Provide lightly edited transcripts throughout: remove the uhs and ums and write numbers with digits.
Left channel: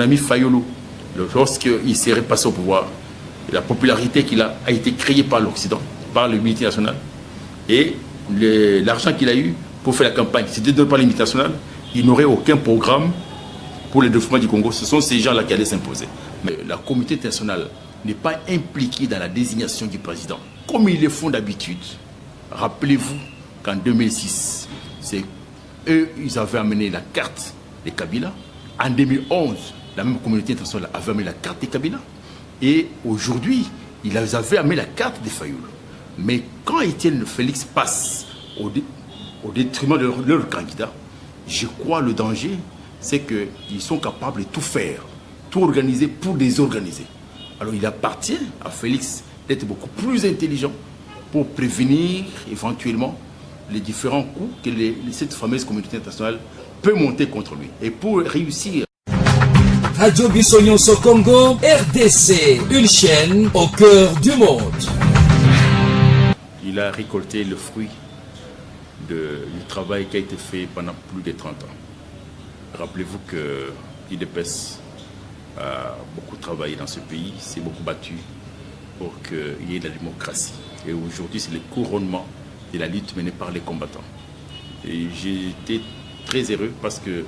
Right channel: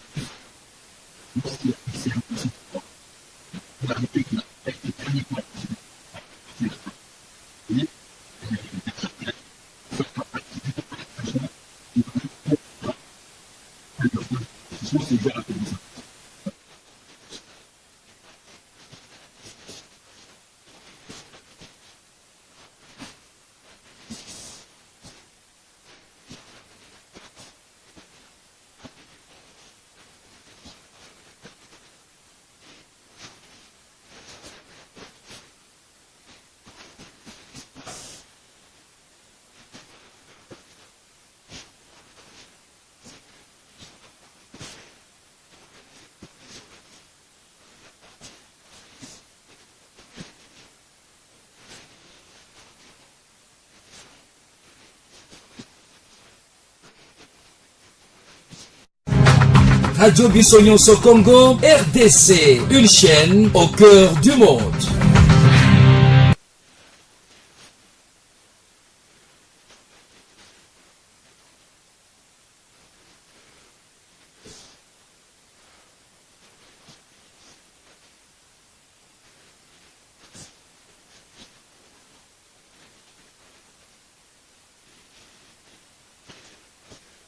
Mon ami Fayulu, lorsqu'il s'est repassé au pouvoir, la popularité qu'il a été créée par l'Occident, par les multinationales, et l'argent qu'il a eu pour faire la campagne, si c'était par les multinationales, il n'aurait aucun programme pour le développement du Congo. Ce sont ces gens-là qui allaient s'imposer. Mais la communauté internationale n'est pas impliquée dans la désignation du président, comme ils le font d'habitude. Rappelez-vous qu'en 2006, c'est eux, ils avaient amené la carte de Kabila. En 2011, la même communauté internationale avait amené la carte de Kabila. Et aujourd'hui, ils avaient amené la carte de Fayoul. Mais quand Étienne Félix passe au détriment de leur candidat, je crois le danger, c'est qu'ils sont capables de tout faire, tout organiser pour désorganiser. Alors il appartient à Félix d'être beaucoup plus intelligent pour prévenir éventuellement les différents coups que cette fameuse communauté internationale peut monter contre lui. Et pour réussir... Radio Bissonyonso Congo, RDC, une chaîne au cœur du monde. Il a récolté le fruit du travail qui a été fait pendant plus de 30 ans. Rappelez-vous que l'IDPS a beaucoup travaillé dans ce pays, s'est beaucoup battu pour qu'il y ait de la démocratie. Et aujourd'hui, c'est le couronnement de la lutte menée par les combattants. Et j'ai été très heureux parce que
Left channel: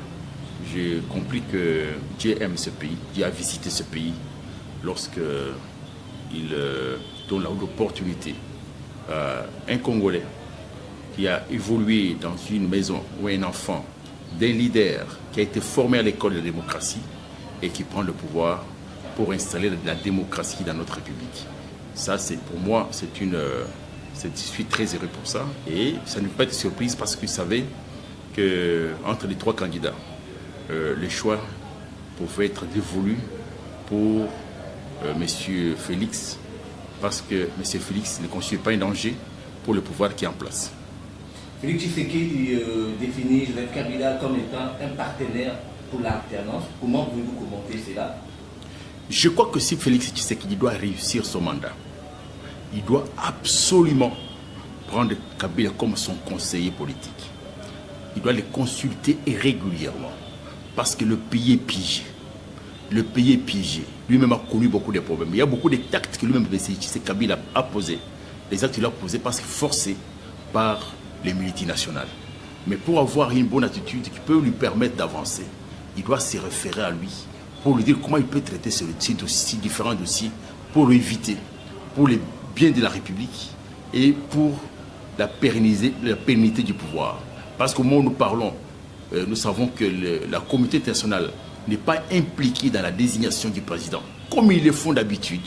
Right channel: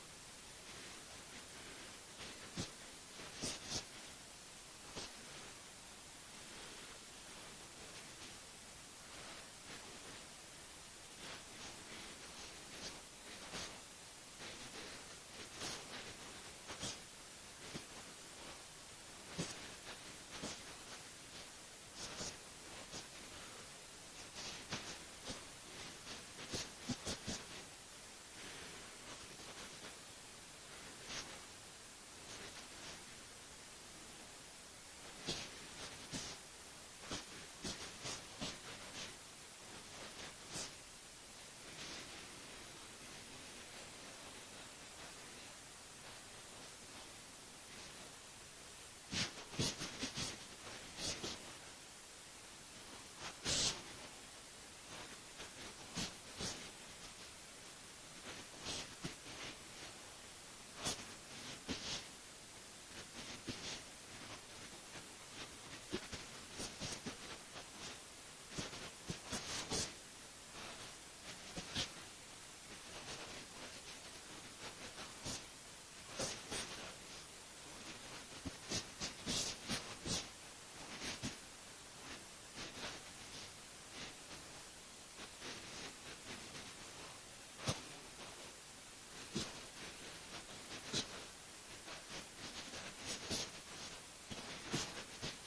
j'ai compris que Dieu aime ce pays, Dieu a visité ce pays lorsqu'il donne l'opportunité à un Congolais qui a évolué dans une maison ou un enfant d'un leader qui a été formé à l'école de la démocratie et qui prend le pouvoir pour installer la démocratie dans notre République. Ça, c'est pour moi, je suis très heureux pour ça. Et ça ne peut pas être surprise parce que vous savez qu'entre les trois candidats, le choix pouvait être dévolu pour M. Félix, parce que M. Félix ne constitue pas un danger pour le pouvoir qui est en place. Félix Tshisekedi définit Joseph Kabila comme étant un partenaire pour l'alternance. Comment pouvez-vous commenter cela? Je crois que si Félix Tshisekedi doit réussir son mandat, il doit absolument prendre Kabila comme son conseiller politique. Il doit le consulter régulièrement. Parce que le pays est piégé. Le pays est piégé. Lui-même a connu beaucoup de problèmes. Il y a beaucoup de actes que lui-même, Kabila a posés. Les actes qu'il a posés parce qu'il est forcé par les multinationales. Mais pour avoir une bonne attitude qui peut lui permettre d'avancer, il doit se référer à lui pour lui dire comment il peut traiter ces différents dossiers pour l'éviter, pour le bien de la République et pour la pérennité du pouvoir. Parce qu'au moment où nous parlons, nous savons que la communauté internationale n'est pas impliquée dans la désignation du président, comme ils le font d'habitude.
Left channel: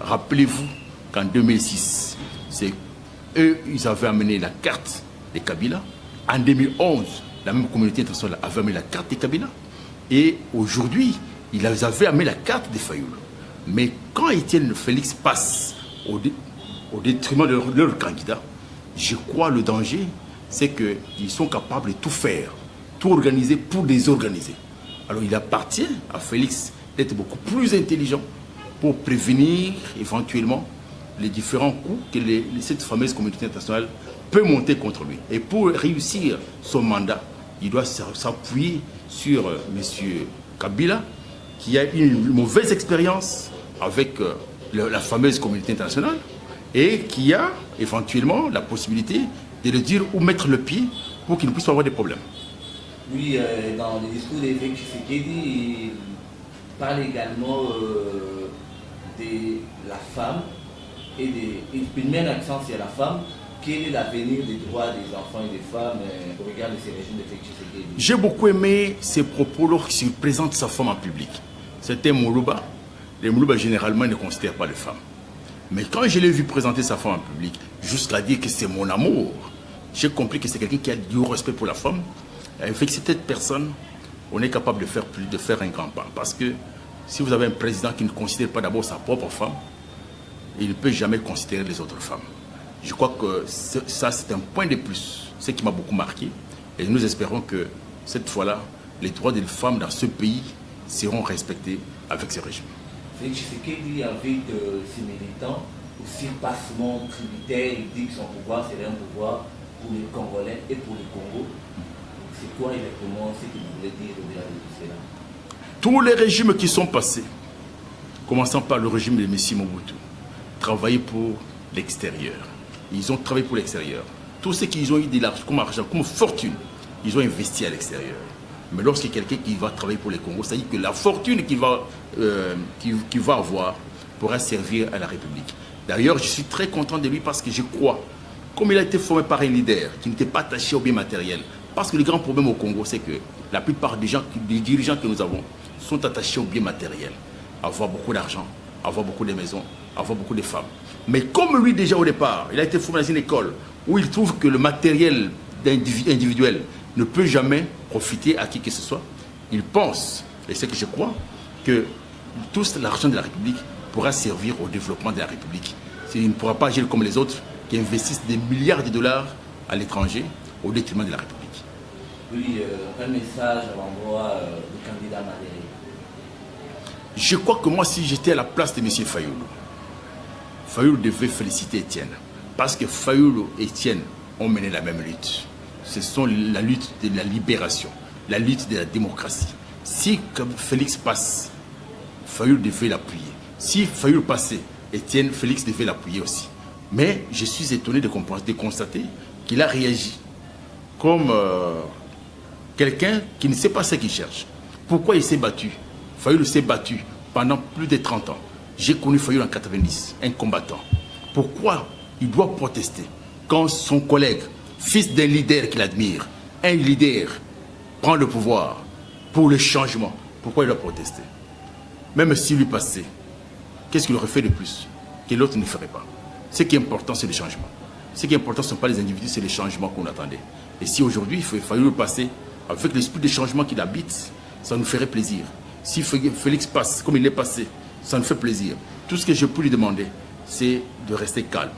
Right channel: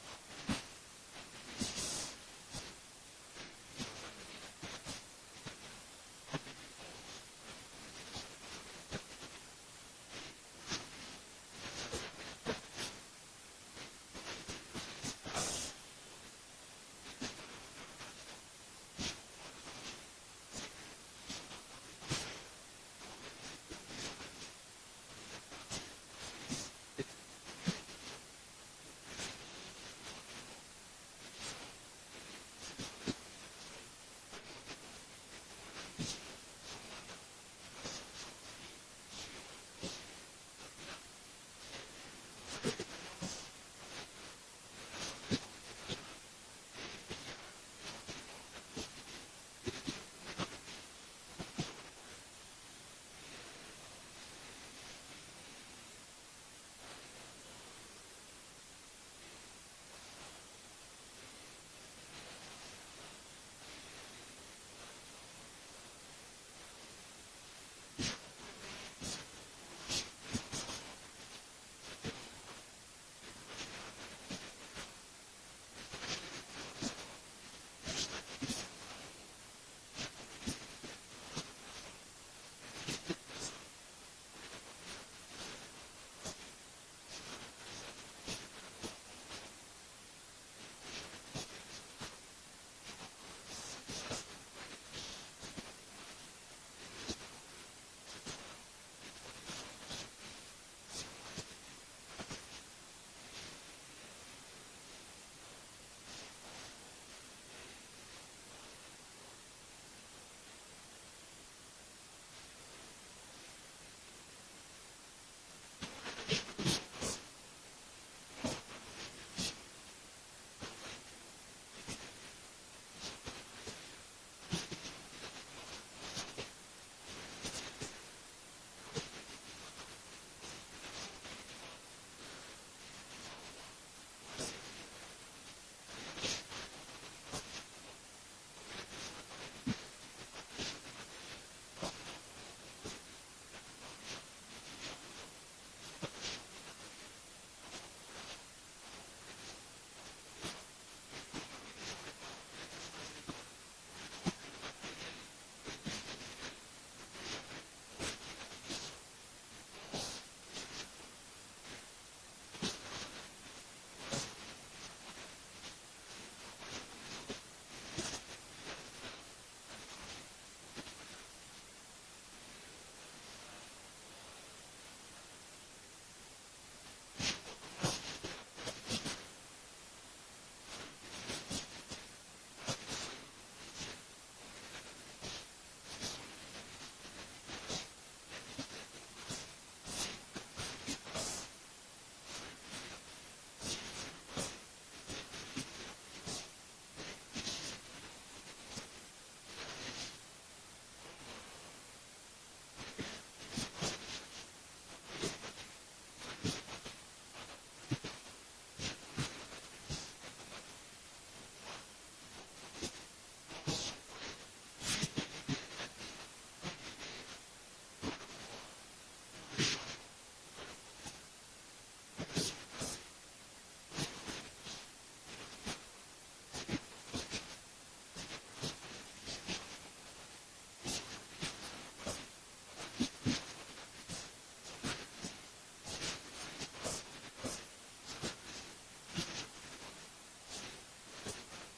Rappelez-vous qu'en 2006, c'est eux, ils avaient amené la carte de Kabila. En 2011, la même communauté internationale avait amené la carte de Kabila. Et aujourd'hui, ils avaient amené la carte de Fayoul. Mais quand Étienne Félix passe au détriment de leur candidat, je crois le danger, c'est qu'ils sont capables de tout faire, tout organiser pour désorganiser. Alors il appartient à Félix d'être beaucoup plus intelligent pour prévenir éventuellement les différents coups que cette fameuse communauté internationale peut monter contre lui. Et pour réussir son mandat, il doit s'appuyer sur M. Kabila, qui a une mauvaise expérience avec la fameuse communauté internationale et qui a éventuellement la possibilité de le dire où mettre le pied pour qu'il ne puisse pas avoir des problèmes. Oui, dans le discours de Félix Tshisekedi, il parle également de la femme et il met l'accent sur la femme. Quel est l'avenir des droits des enfants et des femmes au regard de ces régimes de Félix Tshisekedi? J'ai beaucoup aimé ses propos lorsqu'il présente sa femme en public. C'était Moulouba. Les Moulouba généralement ne considèrent pas les femmes. Mais quand je l'ai vu présenter sa femme en public, jusqu'à dire que c'est mon amour, j'ai compris que c'est quelqu'un qui a du respect pour la femme. Avec cette personne, on est capable de faire un grand pas. Parce que si vous avez un président qui ne considère pas d'abord sa propre femme, il ne peut jamais considérer les autres femmes. Je crois que ça, c'est un point de plus, ce qui m'a beaucoup marqué. Et nous espérons que cette fois-là, les droits des femmes dans ce pays seront respectés avec ce régime. Félix Tshisekedi invite ses militants au surpassement tributaire. Il dit que son pouvoir serait un pouvoir pour les Congolais et pour le Congo. C'est quoi exactement ce que vous voulez dire au-delà de tout cela? Tous les régimes qui sont passés, commençant par le régime de M. Mobutu, travaillaient pour l'extérieur. Ils ont travaillé pour l'extérieur. Tout ce qu'ils ont eu de l'argent, comme argent, comme fortune, ils ont investi à l'extérieur. Mais lorsqu'il y a quelqu'un qui va travailler pour les Congos, ça dit que la fortune qu'il va avoir pourra servir à la République. D'ailleurs, je suis très content de lui parce que je crois, comme il a été formé par un leader qui n'était pas attaché au bien matériel, parce que le grand problème au Congo, c'est que la plupart des dirigeants que nous avons sont attachés au bien matériel. Avoir beaucoup d'argent, avoir beaucoup de maisons, avoir beaucoup de femmes. Mais comme lui déjà au départ, il a été formé dans une école où il trouve que le matériel individuel ne peut jamais profiter à qui que ce soit, il pense, et c'est que je crois, que tout l'argent de la République pourra servir au développement de la République. Il ne pourra pas agir comme les autres qui investissent des milliards de dollars à l'étranger au détriment de la République. Oui, un message à l'endroit du candidat Madéré. Je crois que moi, si j'étais à la place de M. Fayoulou, Fayoulou devait féliciter Étienne. Parce que Fayoulou et Étienne ont mené la même lutte. Ce sont la lutte de la libération, la lutte de la démocratie. Si comme Félix passe, Fayoulou devait l'appuyer. Si Fayoulou passait, Étienne, Félix devait l'appuyer aussi. Mais je suis étonné de constater qu'il a réagi comme quelqu'un qui ne sait pas ce qu'il cherche. Pourquoi il s'est battu? Fayoulou s'est battu pendant plus de 30 ans. J'ai connu Fayoulou en 90, un combattant. Pourquoi il doit protester quand son collègue, fils d'un leader qu'il admire, un leader prend le pouvoir pour le changement? Pourquoi il doit protester? Même s'il lui passait, qu'est-ce qu'il aurait fait de plus que l'autre ne ferait pas? Ce qui est important, c'est le changement. Ce qui est important, ce ne sont pas les individus, c'est les changements qu'on attendait. Et si aujourd'hui, il fallait le passer avec l'esprit de changement qu'il habite, ça nous ferait plaisir. Si Félix passe comme il est passé, ça nous fait plaisir. Tout ce que je peux lui demander, c'est de rester calme,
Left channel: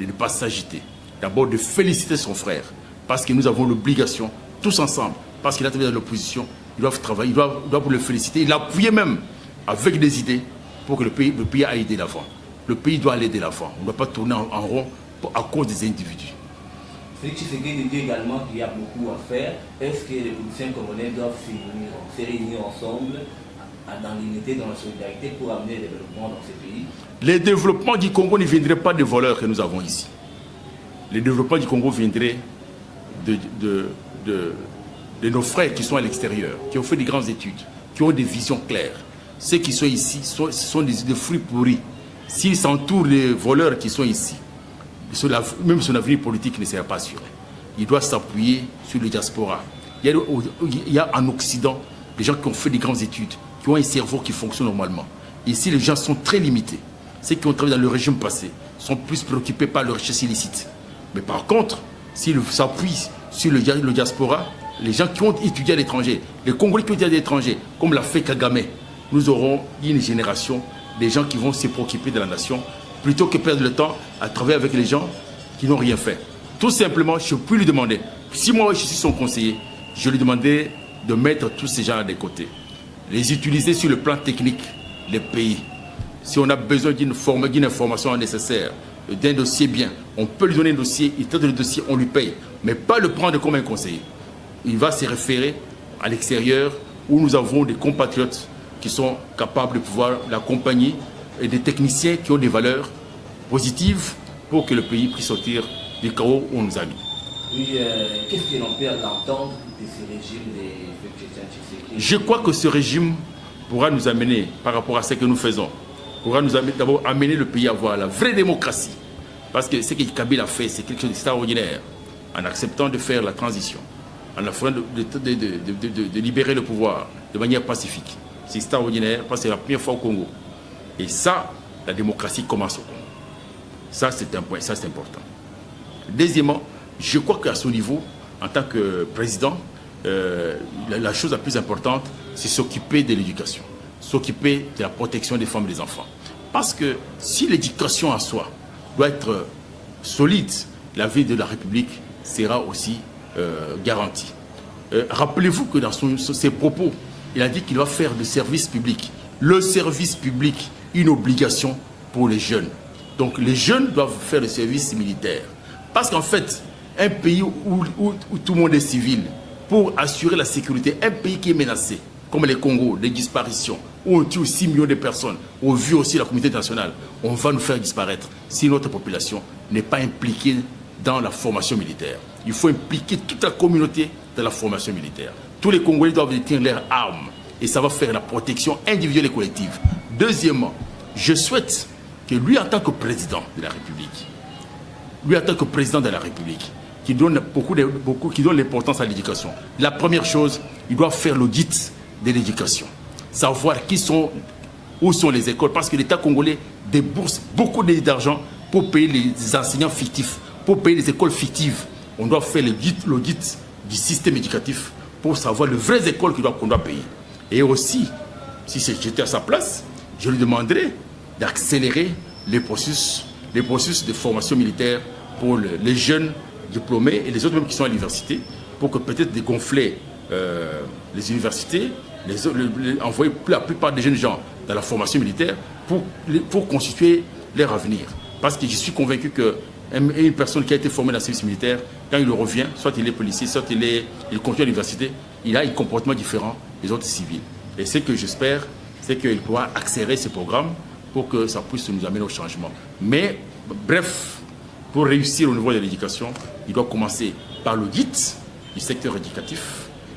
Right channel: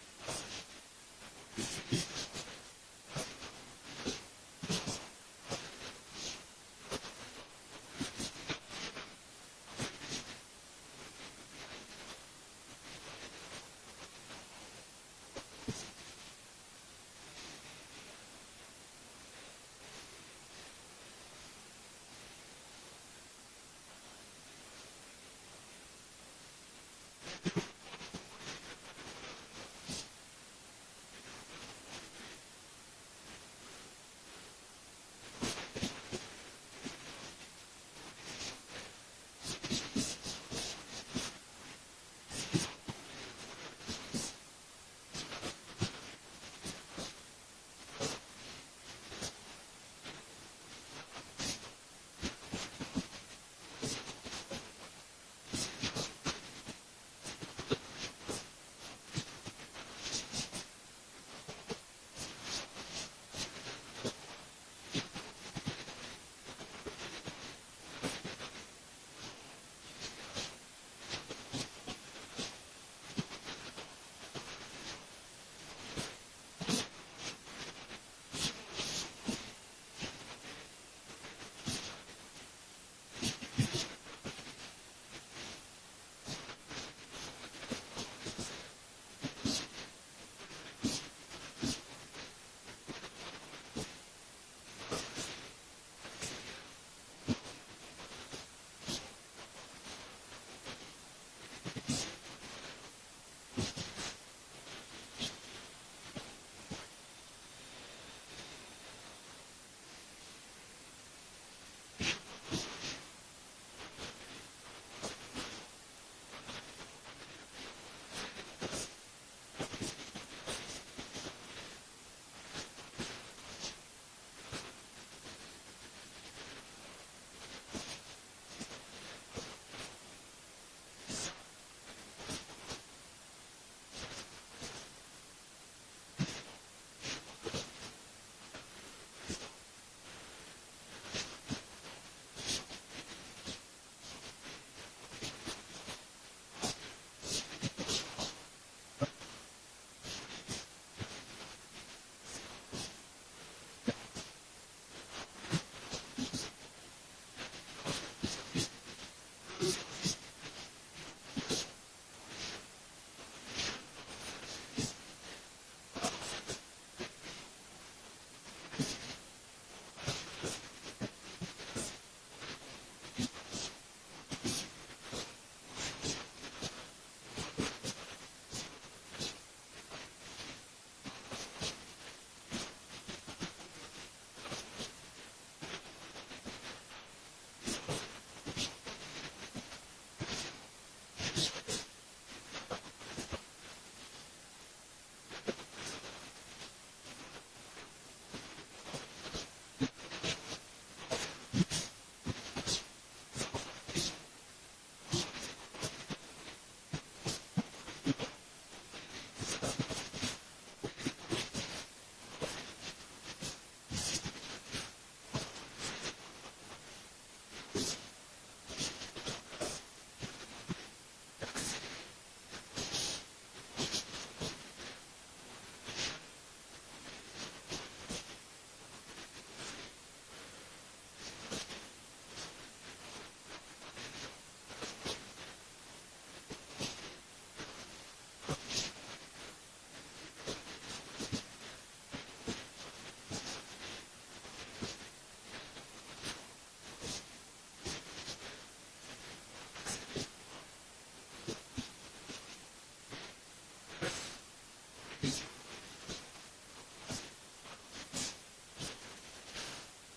de ne pas s'agiter. D'abord, de féliciter son frère, parce que nous avons l'obligation, tous ensemble, parce qu'il a travaillé dans l'opposition, ils doivent travailler, ils doivent le féliciter, l'appuyer même avec des idées pour que le pays aille de l'avant. Le pays doit aller de l'avant. On ne doit pas tourner en rond à cause des individus. Félix Tshisekedi dit également qu'il y a beaucoup à faire. Est-ce que les politiciens congolais doivent se réunir ensemble dans l'unité, dans la solidarité pour amener le développement dans ces pays? Le développement du Congo ne viendrait pas des voleurs que nous avons ici. Le développement du Congo viendrait de nos frères qui sont à l'extérieur, qui ont fait des grandes études, qui ont des visions claires. Ceux qui sont ici sont des fruits pourris. S'ils s'entourent des voleurs qui sont ici, même son avenir politique ne sera pas assuré. Il doit s'appuyer sur le diaspora. Il y a en Occident des gens qui ont fait des grandes études, qui ont un cerveau qui fonctionne normalement. Ici, les gens sont très limités. Ceux qui ont travaillé dans le régime passé sont plus préoccupés par leur richesse illicite. Mais par contre, s'ils s'appuient sur le diaspora, les gens qui ont étudié à l'étranger, les Congolais qui ont étudié à l'étranger, comme l'a fait Kagame, nous aurons une génération des gens qui vont se préoccuper de la nation plutôt que perdre le temps à travailler avec les gens qui n'ont rien fait. Tout simplement, je peux lui demander, si moi je suis son conseiller, je lui demandais de mettre tous ces gens de côté, les utiliser sur le plan technique, les pays. Si on a besoin d'une information nécessaire, d'un dossier bien, on peut lui donner un dossier, il traite le dossier, on lui paye, mais pas le prendre comme un conseiller. Il va se référer à l'extérieur où nous avons des compatriotes qui sont capables de pouvoir l'accompagner et des techniciens qui ont des valeurs positives pour que le pays puisse sortir du chaos où on nous a mis. Oui, qu'est-ce que l'on peut l'entendre de ce régime de Tshisekedi? Je crois que ce régime pourra nous amener, par rapport à ce que nous faisons, pourra nous d'abord amener le pays à avoir la vraie démocratie. Parce que ce que Kabila a fait, c'est quelque chose d'extraordinaire, en acceptant de faire la transition, en offrant de libérer le pouvoir de manière pacifique. C'est extraordinaire parce que c'est la première fois au Congo. Et ça, la démocratie commence au Congo. Ça, c'est un point, ça c'est important. Deuxièmement, je crois qu'à ce niveau, en tant que président, la chose la plus importante, c'est s'occuper de l'éducation, s'occuper de la protection des femmes et des enfants. Parce que si l'éducation en soi doit être solide, la vie de la République sera aussi garantie. Rappelez-vous que dans ses propos, il a dit qu'il va faire du service public. Le service public, une obligation pour les jeunes. Donc les jeunes doivent faire le service militaire. Parce qu'en fait, un pays où tout le monde est civil, pour assurer la sécurité, un pays qui est menacé, comme les Congo, des disparitions, où on tue 6 millions de personnes, au vu aussi la communauté internationale, on va nous faire disparaître si notre population n'est pas impliquée dans la formation militaire. Il faut impliquer toute la communauté dans la formation militaire. Tous les Congolais doivent détenir leurs armes et ça va faire la protection individuelle et collective. Deuxièmement, je souhaite que lui, en tant que président de la République, qui donne qui donne l'importance à l'éducation. La première chose, il doit faire l'audit de l'éducation. Savoir où sont les écoles, parce que l'État congolais débourse beaucoup d'argent pour payer les enseignants fictifs, pour payer les écoles fictives. On doit faire l'audit du système éducatif pour savoir les vraies écoles qu'on doit payer. Et aussi, si j'étais à sa place, je lui demanderais d'accélérer les processus de formation militaire pour les jeunes diplômés et les autres même qui sont à l'université, pour que peut-être dégonfler les universités, envoyer la plupart des jeunes gens dans la formation militaire pour constituer leur avenir. Parce que je suis convaincu qu'une personne qui a été formée dans le service militaire, quand il revient, soit il est policier, soit il continue à l'université, il a un comportement différent des autres civils. Et ce que j'espère, c'est qu'il pourra accélérer ces programmes pour que ça puisse nous amener au changement. Mais, bref, pour réussir au niveau de l'éducation, il doit commencer par l'audit du secteur éducatif,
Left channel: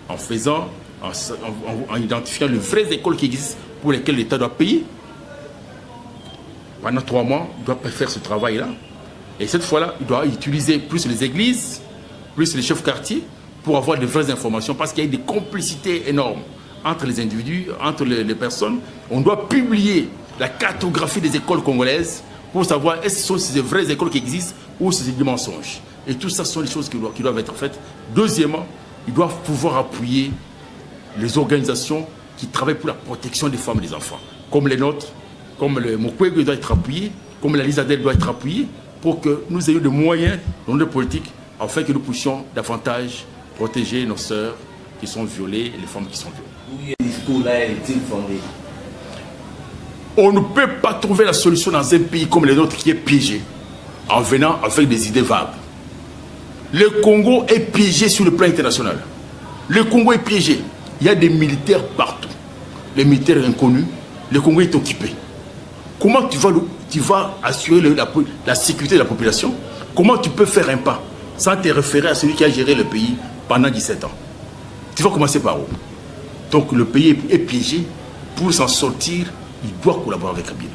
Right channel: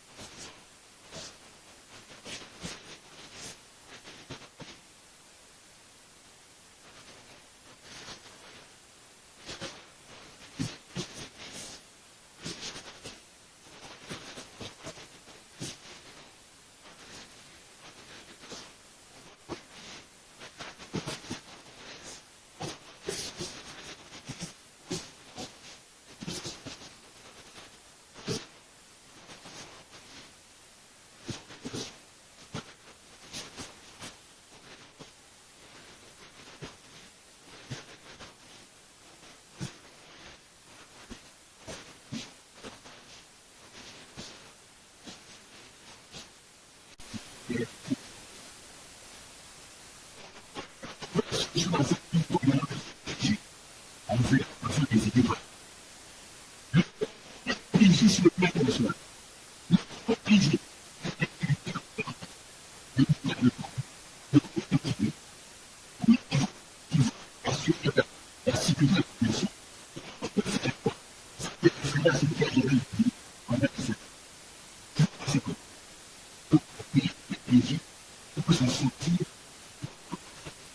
en identifiant les vraies écoles qui existent pour lesquelles l'État doit payer. Pendant 3 mois, il doit faire ce travail-là. Et cette fois-là, il doit utiliser plus les églises, plus les chefs quartiers, pour avoir de vraies informations, parce qu'il y a des complicités énormes entre les individus, entre les personnes. On doit publier la cartographie des écoles congolaises pour savoir est-ce que ce sont ces vraies écoles qui existent ou c'est des mensonges. Et tout ça, ce sont les choses qui doivent être faites. Deuxièmement, ils doivent pouvoir appuyer les organisations qui travaillent pour la protection des femmes et des enfants, comme les nôtres, comme le Mukwege doit être appuyé, comme la Lisadel doit être appuyée, pour que nous ayons des moyens dans notre politique, afin que nous puissions davantage protéger nos sœurs qui sont violées et les femmes qui sont violées. Oui, le discours-là est-il fondé? On ne peut pas trouver la solution dans un pays comme le nôtre qui est piégé, en venant avec des idées vagues. Le Congo est piégé sur le plan international. Le Congo est piégé. Il y a des militaires partout. Les militaires inconnus. Le Congo est occupé. Comment tu vas assurer la sécurité de la population? Comment tu peux faire un pas sans te référer à celui qui a géré le pays pendant 17 ans? Tu vas commencer par où? Donc le pays est piégé. Pour s'en sortir, il doit collaborer avec Kabila.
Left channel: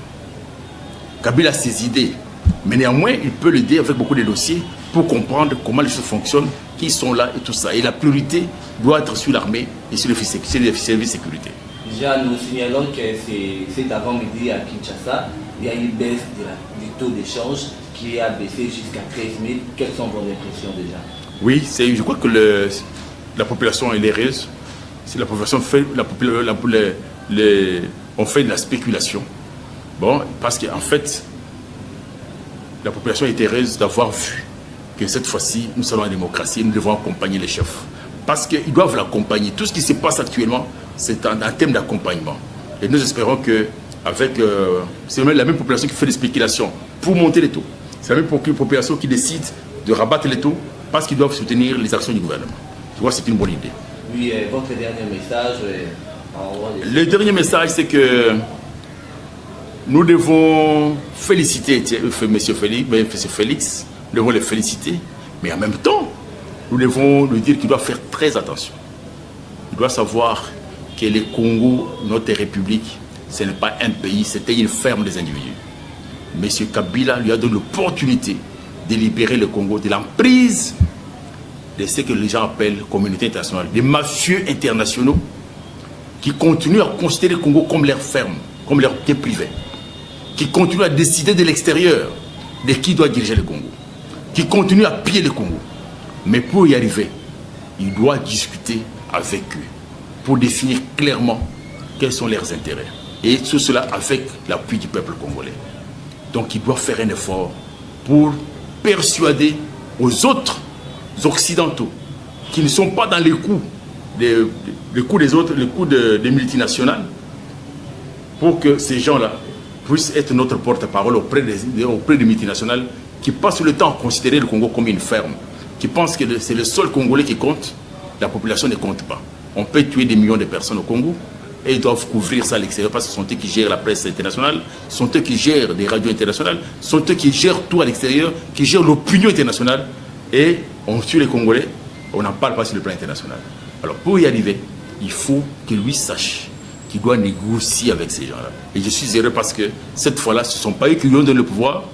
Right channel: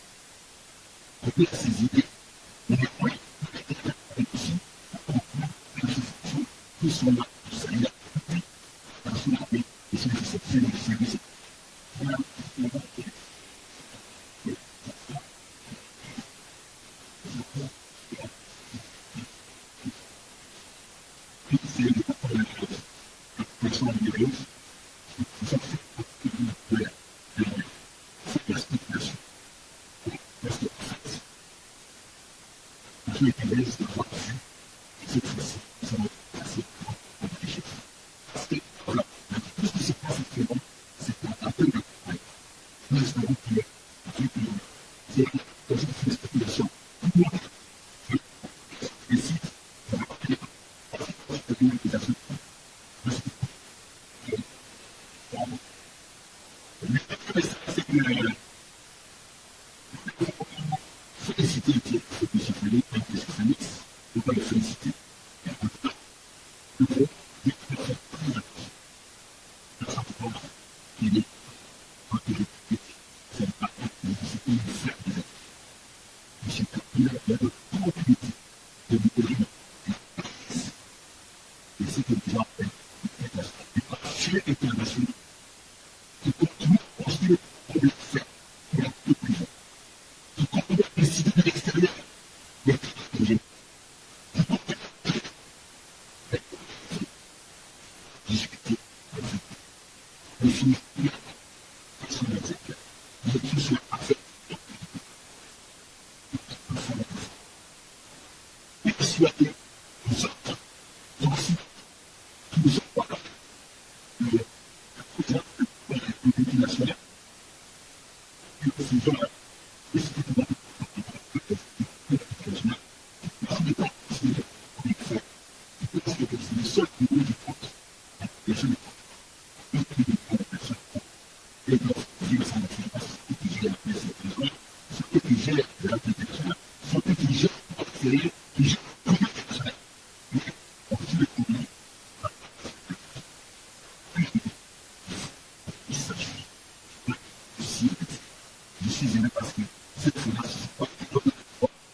Kabila a ses idées, mais néanmoins, il peut l'aider avec beaucoup de dossiers pour comprendre comment les choses fonctionnent, qui sont là et tout ça. Et la priorité doit être sur l'armée et sur les services de sécurité. Déjà, nous signalons que cet avant-midi à Kinshasa, il y a une baisse du taux d'échange qui a baissé jusqu'à 13 000. Quelles sont vos impressions déjà? Oui, je crois que la population est heureuse. Si la population fait, on fait de la spéculation. Bon, parce qu'en fait, la population est heureuse d'avoir vu que cette fois-ci, nous sommes en démocratie, nous devons accompagner les chefs. Parce qu'ils doivent l'accompagner. Tout ce qui se passe actuellement, c'est un thème d'accompagnement. Et nous espérons que c'est la même population qui fait des spéculations pour monter les taux. C'est la même population qui décide de rabattre les taux parce qu'ils doivent soutenir les actions du gouvernement. Je vois que c'est une bonne idée. Oui, votre dernier message. Le dernier message, c'est que nous devons féliciter M. Félix, nous devons le féliciter, mais en même temps, nous devons lui dire qu'il doit faire très attention. Il doit savoir que le Congo, notre République, ce n'est pas un pays, c'était une ferme des individus. M. Kabila lui a donné l'opportunité de libérer le Congo de l'emprise de ce que les gens appellent communauté internationale, des mafieux internationaux qui continuent à considérer le Congo comme leur ferme, comme leur quai privé, qui continuent à décider de l'extérieur de qui doit diriger le Congo, qui continuent à piller le Congo. Mais pour y arriver, il doit discuter avec eux pour définir clairement quels sont leurs intérêts. Et tout cela avec l'appui du peuple congolais. Donc il doit faire un effort pour persuader aux autres occidentaux qui ne sont pas dans les coups des autres, les coups des multinationales, pour que ces gens-là puissent être notre porte-parole auprès des multinationales qui passent le temps à considérer le Congo comme une ferme, qui pensent que c'est le seul Congolais qui compte. La population ne compte pas. On peut tuer des millions de personnes au Congo, et ils doivent couvrir ça à l'extérieur parce que ce sont eux qui gèrent la presse internationale, ce sont eux qui gèrent des radios internationales, ce sont eux qui gèrent tout à l'extérieur, qui gèrent l'opinion internationale. Et on tue les Congolais, on n'en parle pas sur le plan international. Alors pour y arriver, il faut que lui sache qu'il doit négocier avec ces gens-là. Et je suis heureux parce que cette fois-là, ce ne sont pas eux qui lui ont donné le pouvoir,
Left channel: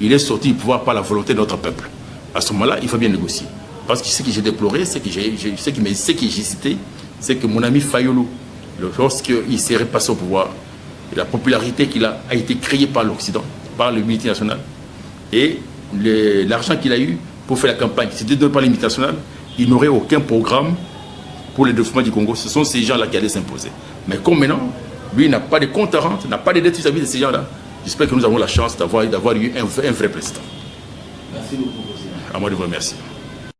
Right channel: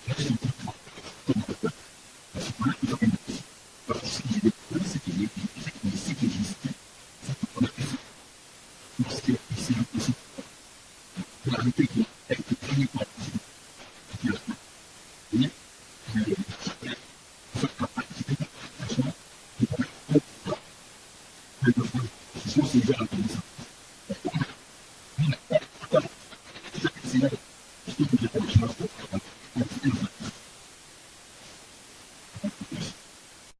il est sorti du pouvoir par la volonté de notre peuple. À ce moment-là, il faut bien négocier. Parce que ce que j'ai déploré, ce que j'ai hésité, c'est que mon ami Fayulu, lorsqu'il s'est passé au pouvoir, la popularité qu'il a été créée par l'Occident, par le multinational, et l'argent qu'il a eu pour faire la campagne, si c'était donné par les multinationales, il n'aurait aucun programme pour le développement du Congo. Ce sont ces gens-là qui allaient s'imposer. Mais comme maintenant, lui n'a pas de compte à rendre, n'a pas de dettes vis-à-vis de ces gens-là, j'espère que nous avons la chance d'avoir eu un vrai président. Merci beaucoup. À moi de vous remercier.